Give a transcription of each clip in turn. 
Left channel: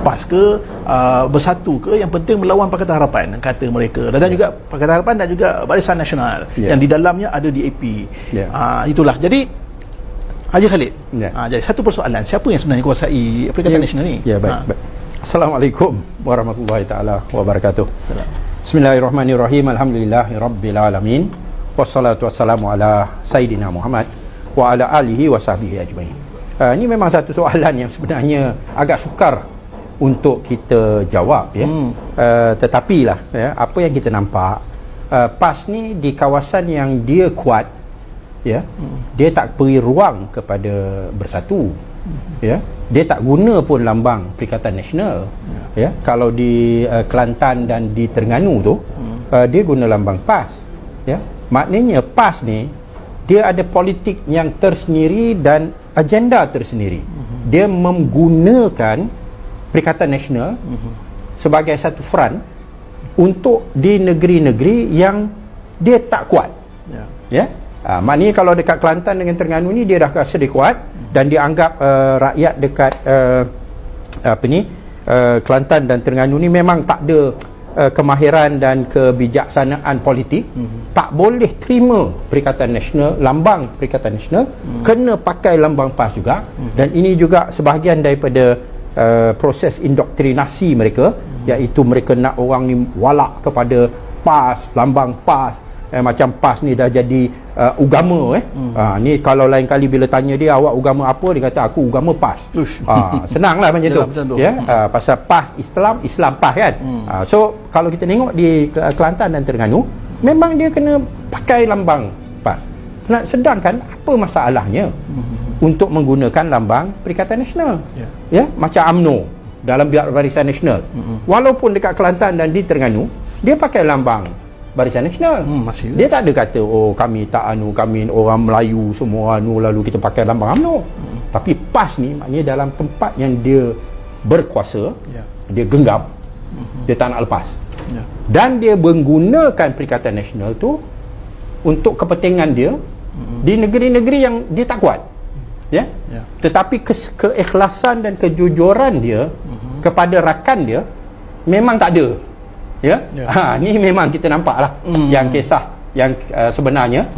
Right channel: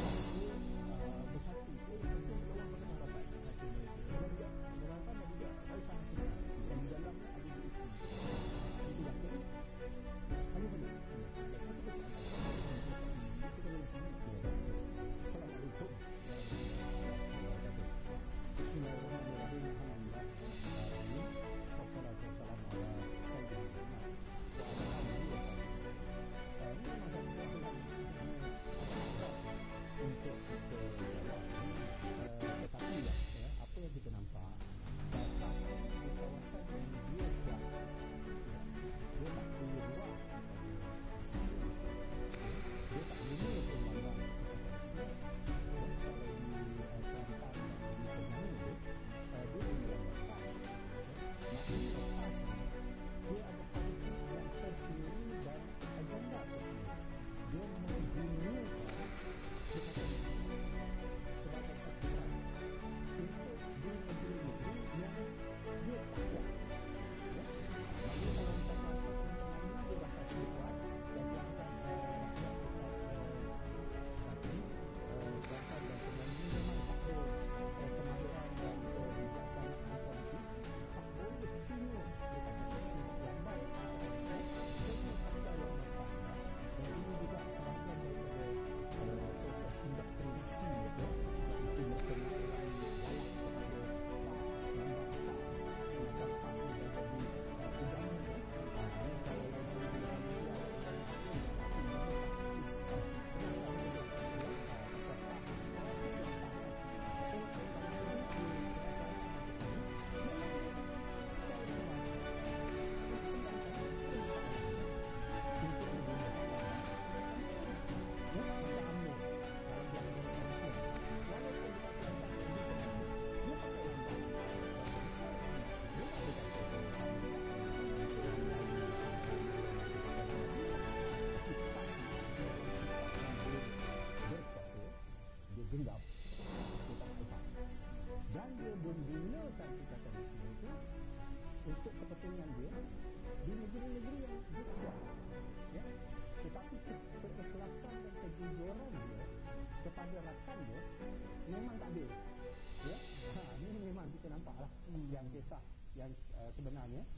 PAS ke, Bersatu ke, yang penting melawan Pakatan Harapan, kata mereka. Dan juga Pakatan Harapan dan juga Barisan Nasional yang di dalamnya ada DAP. Itulah. Jadi Haji Khalid, jadi satu persoalan, siapa yang sebenarnya kuasai Perikatan Nasional ni? Baik. Assalamualaikum warahmatullahi taala wabarakatuh. Bismillahirrahmanirrahim. Alhamdulillahirabbil alamin. Wassalatu wassalamu ala sayidina Muhammad wa ala alihi wa sahbihi ajmain. Ini memang satu soalan yang sebenarnya agak sukar untuk kita jawab, ya. Tetapi lah, ya, apa yang kita nampak, PAS ni di kawasan yang dia kuat, ya, dia tak beri ruang kepada Bersatu, ya, dia tak guna pun lambang Perikatan Nasional, ya. Kalau di Kelantan dan di Terengganu tu, dia guna lambang PAS, ya. Maknanya PAS ni dia ada politik yang tersendiri dan agenda tersendiri. Dia menggunakan Perikatan Nasional sebagai satu front untuk di negeri-negeri yang dia tak kuat, ya. Maknanya kalau dekat Kelantan dengan Terengganu ni dia dah rasa dia kuat, dan dia anggap rakyat dekat Kelantan dan Terengganu ni memang tak ada kemahiran dan kebijaksanaan politik, tak boleh terima Perikatan Nasional, lambang Perikatan Nasional, kena pakai lambang PAS juga. Dan ini juga sebahagian daripada proses indoktrinasi mereka, iaitu mereka nak orang ni walak kepada PAS, lambang PAS. Macam PAS ni dah jadi agama. Ni kalau lain kali bila tanya dia, awak agama apa, dia kata aku agama PAS. Senanglah macam tu, ya. Pasal PAS Islam PAS kan. So kalau kita tengok di Kelantan dan Terengganu, memang dia kena pakai lambang PAS. Sedangkan apa masalahnya untuk menggunakan lambang Perikatan Nasional, ya, macam UMNO dalam Barisan Nasional, walaupun dekat Kelantan dan di Terengganu dia pakai lambang Barisan Nasional, dia tak ada kata kami tak kami orang Melayu semua lalu kita pakai lambang UMNO. Tapi PAS ni maknanya dalam tempat yang dia berkuasa, dia genggam, dia tak nak lepas, dan dia menggunakan Perikatan Nasional tu untuk kepentingan dia di negeri-negeri yang dia tak kuat, ya. Tetapi keikhlasan dan kejujuran dia kepada rakan dia memang tak ada, ya. Ni memang kita nampaklah yang kisah yang sebenarnya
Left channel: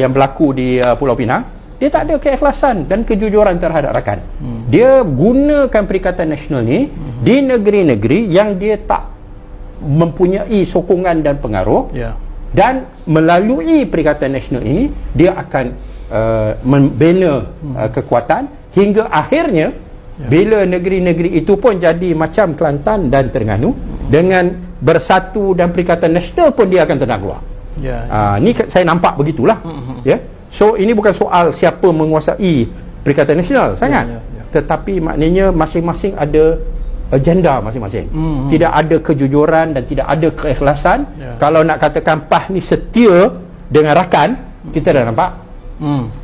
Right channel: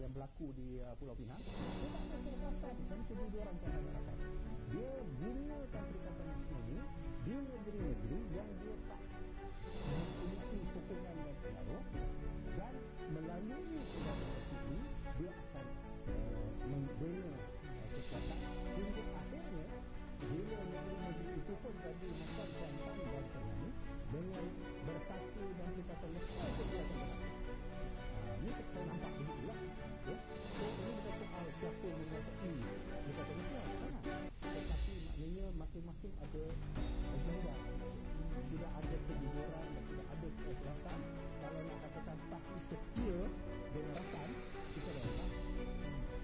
yang berlaku di Pulau Pinang. Dia tak ada keikhlasan dan kejujuran terhadap rakan. Dia gunakan Perikatan Nasional ni di negeri-negeri yang dia tak mempunyai sokongan dan pengaruh, dan melalui Perikatan Nasional ini dia akan membina kekuatan hingga akhirnya bila negeri-negeri itu pun jadi macam Kelantan dan Terengganu, dengan Bersatu dan Perikatan Nasional pun dia akan tenang keluar. Ni saya nampak begitulah, ya. So ini bukan soal siapa menguasai Perikatan Nasional sangat, tetapi maknanya masing-masing ada agenda masing-masing. Tidak ada kejujuran dan tidak ada keikhlasan. Kalau nak katakan PAS ni setia dengan rakan, kita dah nampak,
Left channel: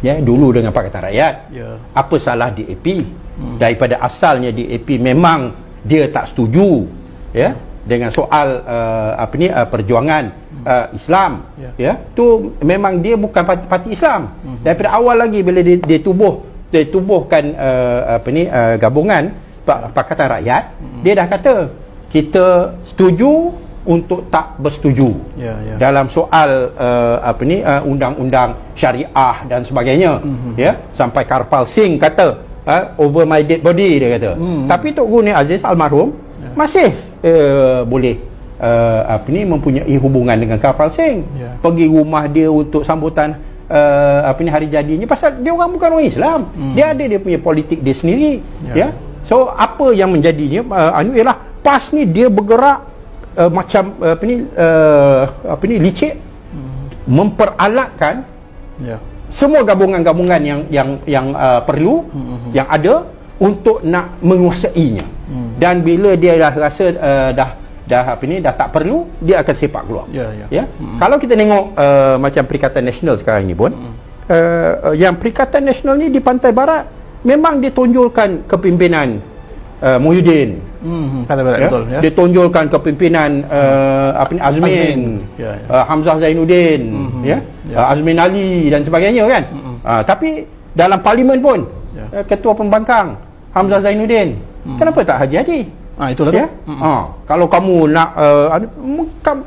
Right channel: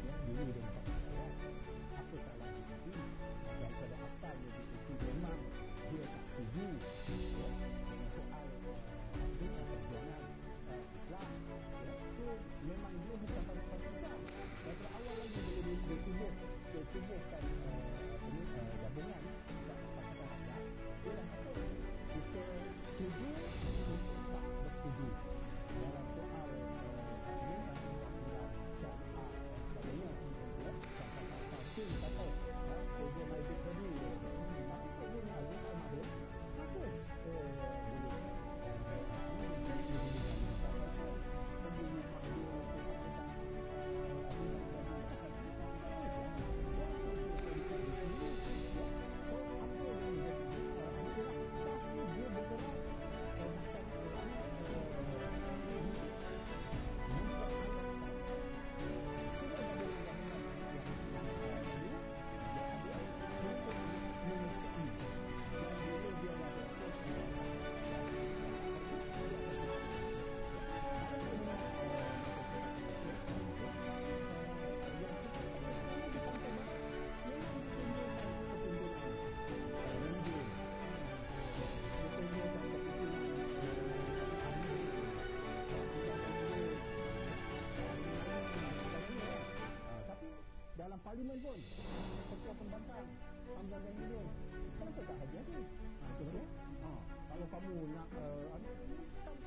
ya, dulu dengan Pakatan Rakyat, apa salah DAP? Daripada asalnya DAP memang dia tak setuju, ya, dengan soal perjuangan Islam, ya. Tu memang dia bukan parti Islam. Daripada awal lagi bila dia tubuhkan gabungan Pakatan Rakyat, dia dah kata kita setuju untuk tak bersetuju dalam soal undang-undang syariah dan sebagainya, ya. Sampai Karpal Singh kata over my dead body, dia kata. Tapi Tok Guru Aziz almarhum masih boleh mempunyai hubungan dengan Karpal Singh, pergi rumah dia untuk sambutan hari jadinya, pasal dia orang bukan orang Islam, dia ada dia punya politik dia sendiri, ya. So apa yang menjadinya ialah PAS ni dia bergerak macam licik, memperalatkan semua gabungan-gabungan yang perlu, yang ada untuk nak menguasainya. Dan bila dia dah rasa dah tak perlu, dia akan sepak keluar. Kalau kita tengok macam Perikatan Nasional sekarang ni pun, yang Perikatan Nasional ni di Pantai Barat memang ditonjolkan kepimpinan Muhyiddin, betul, ya. Ditonjolkan kepimpinan Azmin, Hamzah Zainuddin, Azmin Ali dan sebagainya kan. Tapi dalam parlimen pun ketua pembangkang Hamzah Zainuddin, kenapa tak Haji Hadi? Itulah tu. Kalau kamu nak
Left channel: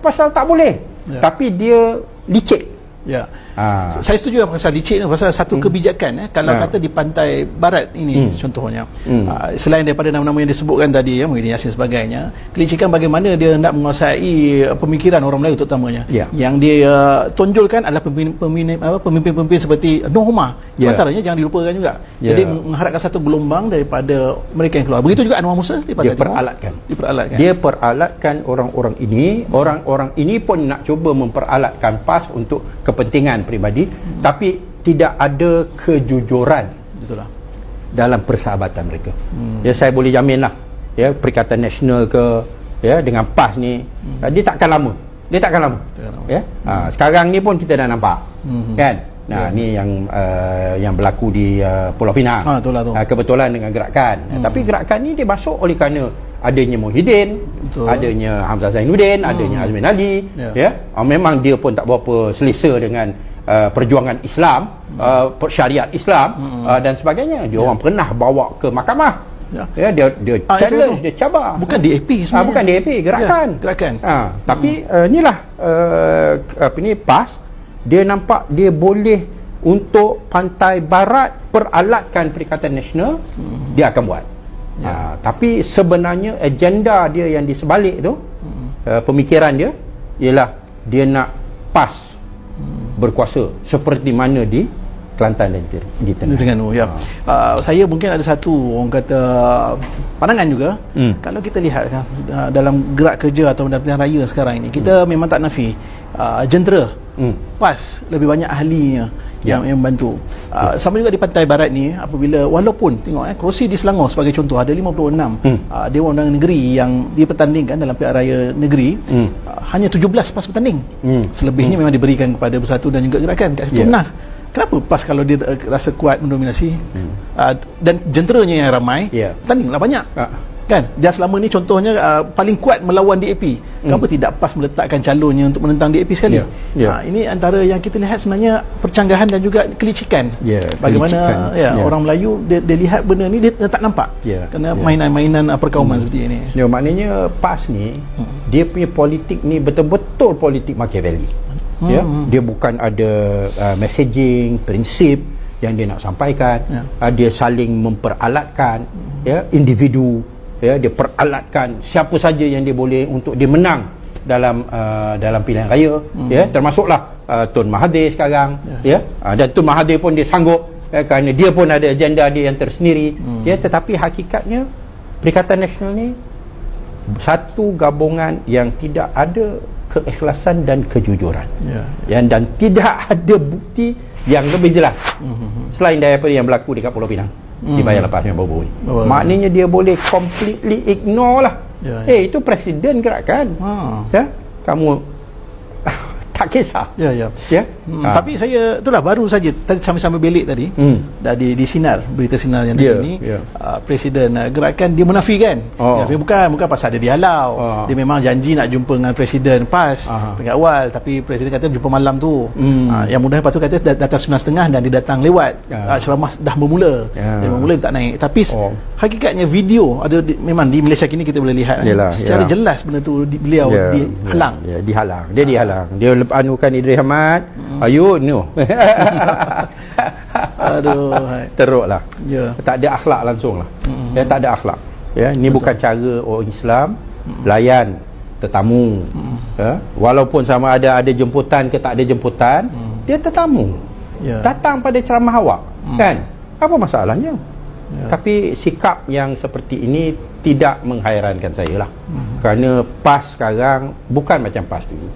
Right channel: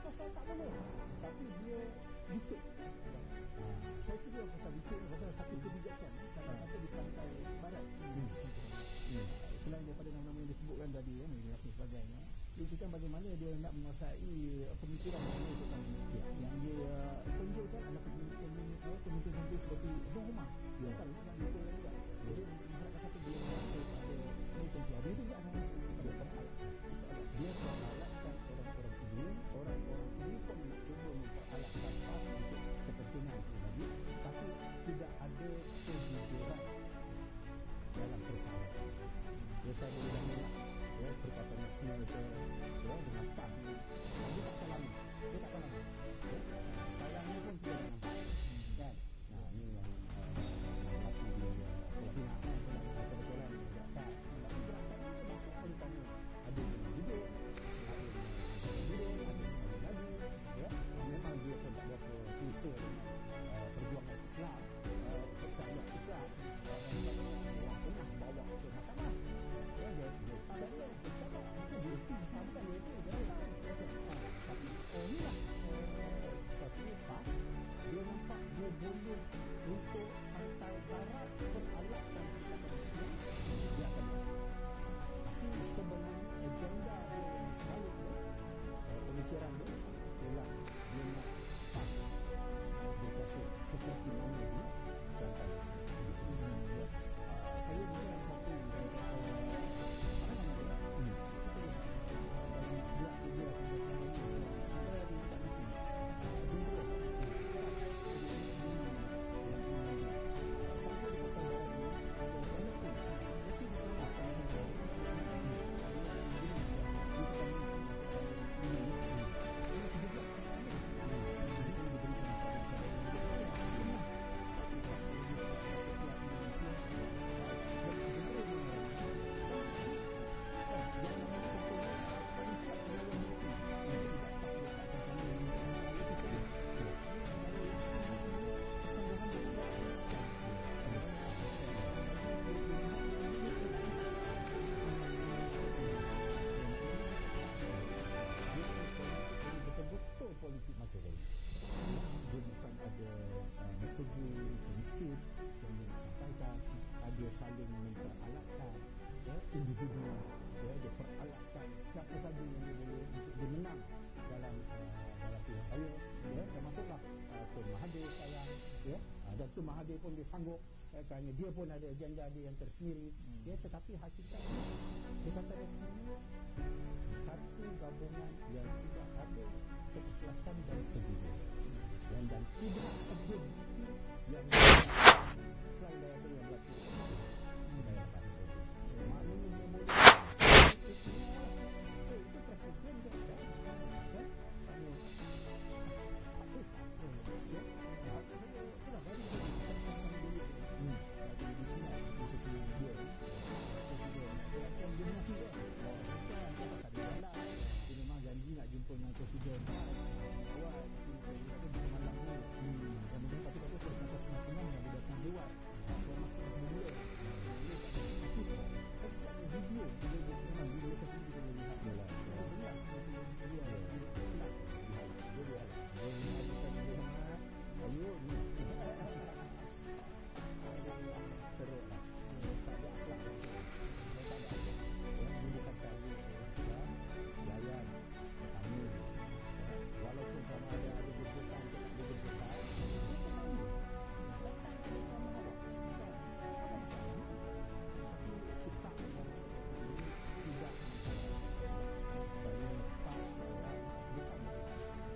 pasal tak boleh. Tapi dia licik. Ya. Saya setuju pasal licik ni, pasal satu kebijakan kalau kata di pantai barat ini contohnya. Selain daripada nama-nama yang disebutkan tadi ya, Muhyiddin Yassin sebagainya, kelicikan bagaimana dia nak menguasai pemikiran orang Melayu terutamanya. Yang dia tonjolkan adalah pemimpin-pemimpin seperti Noh Humah. Sementaranya jangan dilupakan juga. Jadi mengharapkan satu gelombang daripada mereka yang keluar. Begitu juga Anwar Musa di Pantai Timur. Dia peralatkan orang-orang ini. Orang-orang ini pun nak cuba memperalatkan PAS untuk kepentingan peribadi, tapi tidak ada kejujuran dalam persahabatan mereka. Ya, saya boleh jaminlah ya, Perikatan Nasional ke dengan PAS ni dia takkan lama. Ya. Sekarang ni pun kita dah nampak. Kan? Ni yang berlaku di Pulau Pinang. Kebetulan dengan gerakan. Tapi gerakan ni dia masuk oleh kerana adanya Muhyiddin, adanya Hamzah Zainuddin, adanya Azmin Ali. Memang dia pun tak berapa selesa dengan perjuangan Islam, syariat Islam dan sebagainya. Dia orang pernah bawa ke mahkamah. Dia challenge, dia cabar. Bukan DAP sebenarnya. Bukan DAP, gerakan. Tapi inilah PAS, dia nampak dia boleh untuk pantai barat peralatkan Perikatan Nasional, dia akan buat. Tapi sebenarnya agenda dia yang di sebalik tu, pemikiran dia ialah dia nak PAS berkuasa seperti mana di Kelantan dan di Terengganu. Saya mungkin ada satu orang kata pandangan juga. Kalau kita lihat dalam gerak kerja atau dalam pilihan raya sekarang ini, kita memang tak nafi jentera PAS lebih banyak ahlinya yang membantu. Sama juga di Pantai Barat ni, apabila walaupun tengok kerusi di Selangor sebagai contoh ada 56 Dewan Undangan Negeri yang dipertandingkan dalam pilihan raya negeri, hanya 17 PAS bertanding. Selebihnya memang diberikan kepada Bersatu dan juga Gerakan kat situ. Kenapa PAS kalau dia rasa kuat mendominasi dan jenteranya yang ramai, bertandinglah banyak. Kan? Dia selama ni contohnya paling kuat melawan DAP. Kenapa tidak PAS meletakkan calonnya untuk menentang DAP sekali? Ini antara yang kita lihat sebenarnya percanggahan dan juga kelicikan. Bagaimana orang Melayu dia lihat benda ni dia tak nampak. Kerana mainan-mainan perkauman seperti ini. Maknanya PAS ni dia punya politik ni betul-betul politik Machiavelli. Dia bukan ada messaging, prinsip yang dia nak sampaikan. Dia saling memperalatkan individu. Dia peralatkan siapa saja yang dia boleh untuk dia menang dalam pilihan raya. Termasuklah Tun Mahathir sekarang. Dan Tun Mahathir pun dia sanggup kerana dia pun ada agenda dia yang tersendiri. Tetapi hakikatnya Perikatan Nasional ni satu gabungan yang tidak ada keikhlasan dan kejujuran. Dan tidak ada bukti yang lebih jelas selain daripada yang berlaku dekat Pulau Pinang di bayar lepas yang baru-baru ni. Maknanya dia boleh completely ignore lah. Itu presiden gerakan. Kamu tak kisah. Tapi saya itulah baru saja tadi sambil-sambil belik tadi dah di sinar, berita sinar yang tadi ni presiden gerakan dia menafikan. Bukan pasal dia dihalau. Dia memang janji nak jumpa dengan presiden PAS peringkat awal, tapi presiden kata jumpa malam tu. Yang mudah lepas tu kata datang 9.30 dan dia datang lewat. Ceramah dah bermula. Dia bermula dia tak naik. Tapi hakikatnya video ada memang di Malaysia kini kita boleh lihat secara jelas benda tu beliau dihalang. Dihalang. Dia dihalang. Dia anukan Idris Ahmad. Ayo no. Aduh, teruklah. Tak ada akhlak langsung lah. Tak ada akhlak. Ni bukan cara orang Islam layan tetamu. Walaupun sama ada jemputan ke tak ada jemputan, dia tetamu. Datang pada ceramah awak. Kan? Apa masalahnya? Tapi sikap yang seperti ini tidak menghairankan saya lah. Kerana PAS sekarang bukan macam PAS dulu.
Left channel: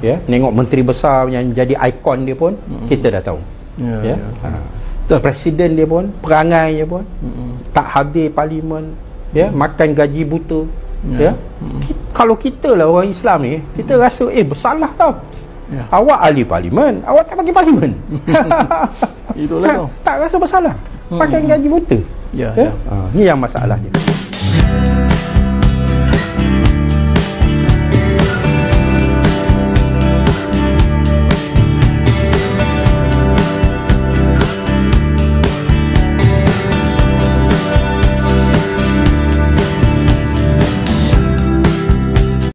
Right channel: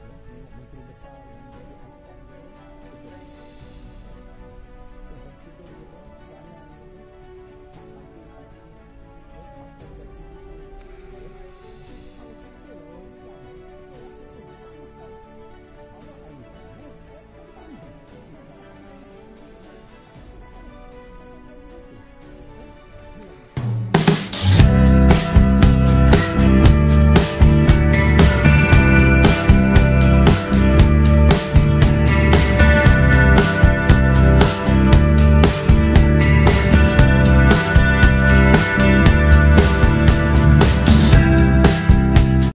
Tengok menteri besar yang jadi ikon dia pun kita dah tahu. Presiden dia pun, perangai dia pun tak hadir parlimen, makan gaji buta. Kalau kita lah orang Islam ni, kita rasa bersalah tau. Awak ahli parlimen, awak tak bagi parlimen. Itulah tu. Tak rasa bersalah. Pakai gaji buta. Ni yang masalahnya.